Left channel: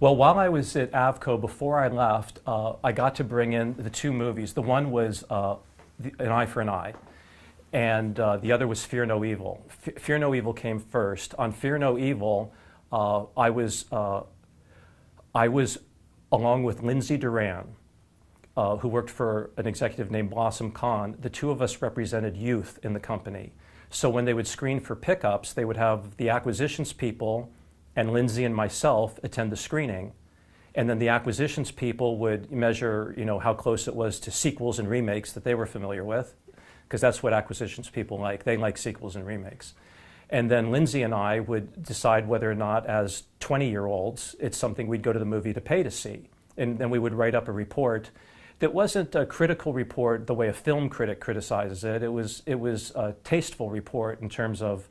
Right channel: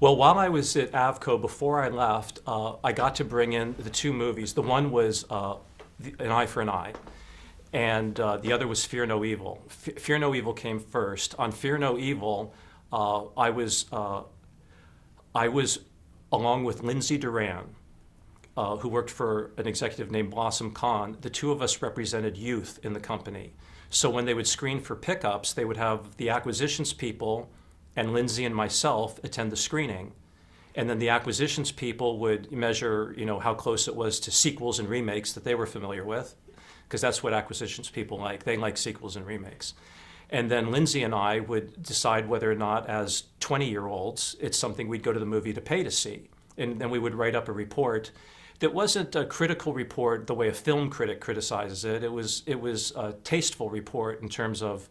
Well, while I was at AVCO, before I left, I got to bring in the two movies. The one was An Eye for an Eye, and the other was Fear No Evil. Fear No Evil came first. On Fear No Evil, I was along with Lindsay Duran, who worked for an executive named Blossom Khan. The two of us represented youth in the company. So when they would screen for pickups, they would have the acquisitions people and Lindsay and myself attend the screening. And then the acquisitions people would measure, how close it was to sequels and remakes that they were familiar with, because that's what acquisitions people like. They like sequels and remakes. And then Lindsay and I would decide whether or not, as 20-year-olds, it's something we'd go to the movie to pay to see. And then we would write up a report that wasn't a critical report the way a film critic criticizes it. It was a tasteful report in terms of,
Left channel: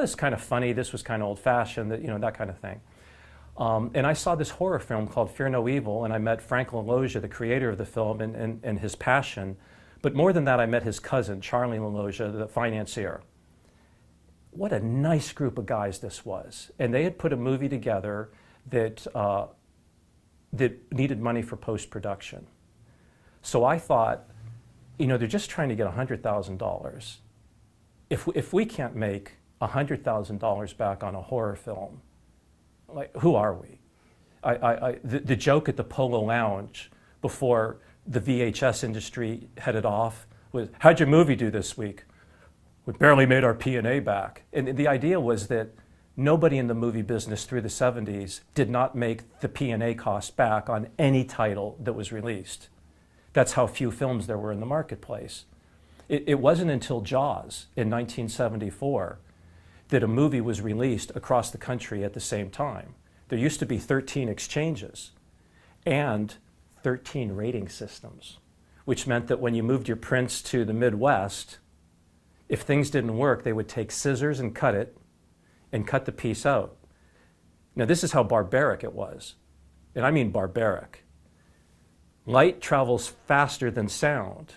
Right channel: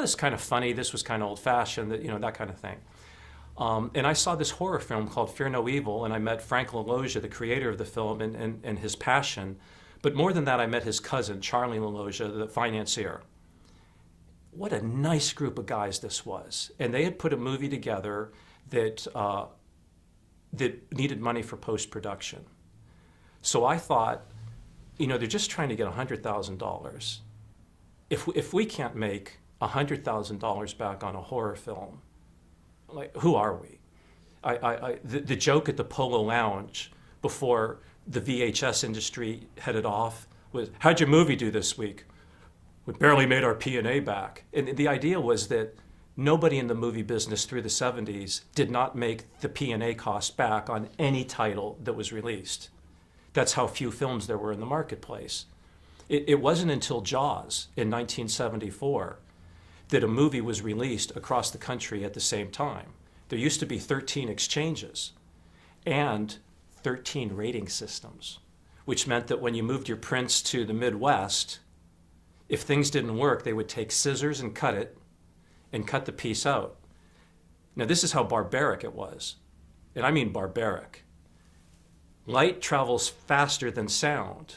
this is kind of funny, this was kind of old-fashioned, that kind of thing. And I saw this horror film called Fear No Evil, and I met Frank LaLoggia, the creator of the film, and his passion. But more than that, I met his cousin, Charlie LaLoggia, the financier. What a nice group of guys this was. And they had put a movie together that needed money for post-production. So I thought, they're just trying to get $100,000. If we can't make $100,000 back on a horror film, like, who are we? The joke at the Polo Lounge before the VHS industry headed off was, how'd your movie do this week? We barely made our P&A back. And the idea was that nobody in the movie business through the 70s did not make the P&A cost back on any title that was released. That's how few films there were in the marketplace. It wasn't until Jaws in 1974 that a movie was released across the country at the same time. There used to be 13 exchanges and 13 rating systems, which meant that when you moved your prints to the Midwest, if things didn't work, they would take scissors and cut it, and cut the piece out. Now, this is how barbaric it was, and I mean barbaric. Light travels faster than sound,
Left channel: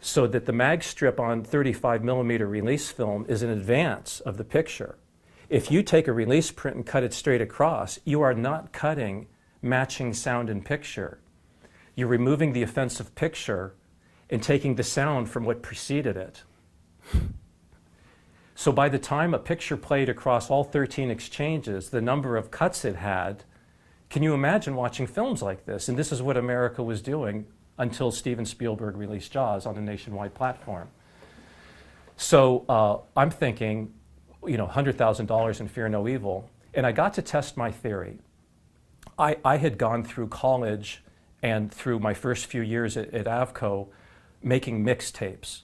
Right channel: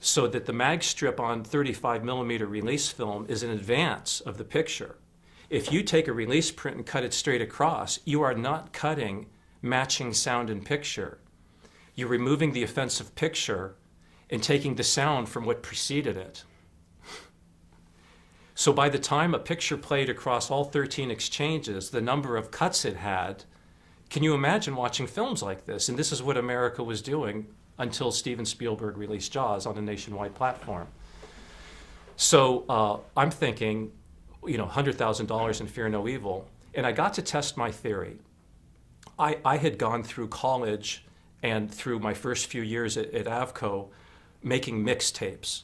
so that the mag strip on 35 millimeter release film is in advance of the picture. If you take a release print and cut it straight across, you are not cutting matching sound and picture. You're removing the offensive picture and taking the sound from what preceded it. So by the time a picture played across all 13 exchanges, the number of cuts it had, can you imagine watching films like this? And this is what America was doing until Steven Spielberg released Jaws on a nationwide platform. So I'm thinking, $100,000 in Fear No Evil, and I got to test my theory. I had gone through college and through my first few years at AVCO making mixtapes.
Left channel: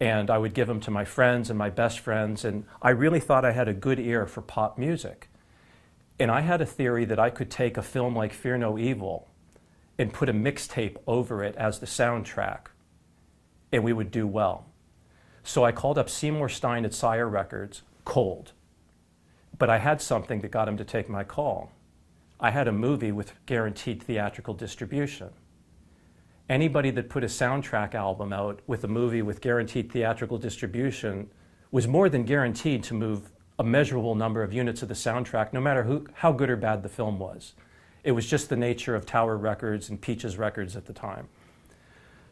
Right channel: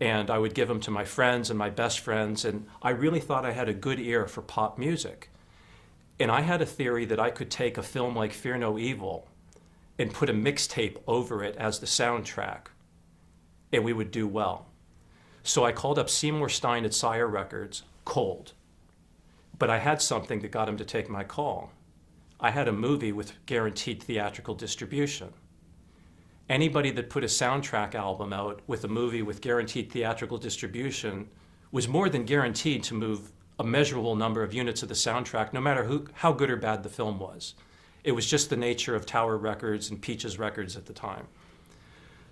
And I would give them to my friends and my best friends, and I really thought I had a good ear for pop music. And I had a theory that I could take a film like Fear No Evil and put a mixtape over it as the soundtrack, and we would do well. So I called up Seymour Stein at Sire Records, cold. But I had something that got him to take my call. I had a movie with guaranteed theatrical distribution. Anybody that put a soundtrack album out with a movie with guaranteed theatrical distribution was more than guaranteed to move a measurable number of units of the soundtrack, no matter how good or bad the film was. It was just the nature of Tower Records and Peaches Records at the time.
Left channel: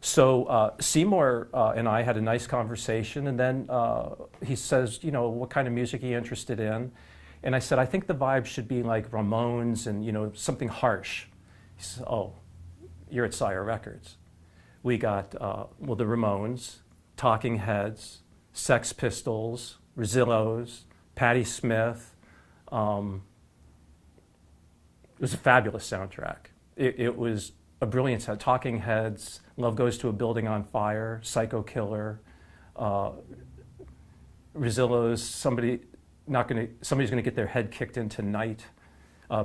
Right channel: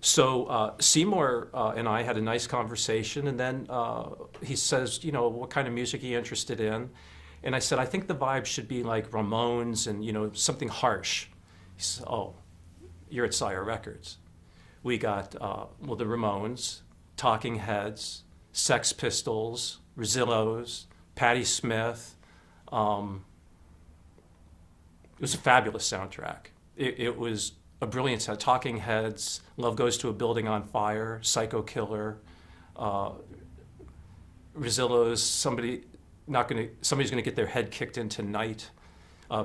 So Seymour and I had a nice conversation, and then he says, what kind of music are you interested in? And I said, I think the vibe should be like Ramones and, something harsh. He said, oh, you're at Sire Records. We got, the Ramones, Talking Heads, Sex Pistols, Rezillos, Patti Smith. It was a fabulous soundtrack. It was a brilliant sound. Talking Heads, Love Goes to a Building on Fire, Psycho Killer, Rezillos, somebody's gonna get their head kicked in tonight.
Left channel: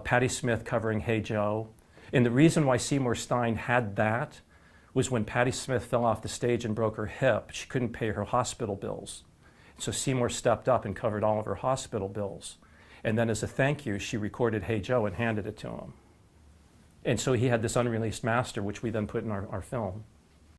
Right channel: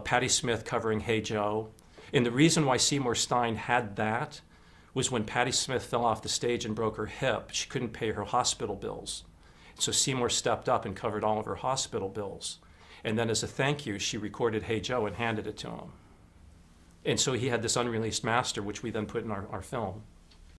Patti Smith covering Hey Joe. And the reason why Seymour Stein had that was when Patti Smith fell off the stage and broke her hip, she couldn't pay her hospital bills. So Seymour stepped up and covered all of her hospital bills. And then as a thank you, she recorded Hey Joe and handed it to him. And so he had this unreleased master, which we then put in our film.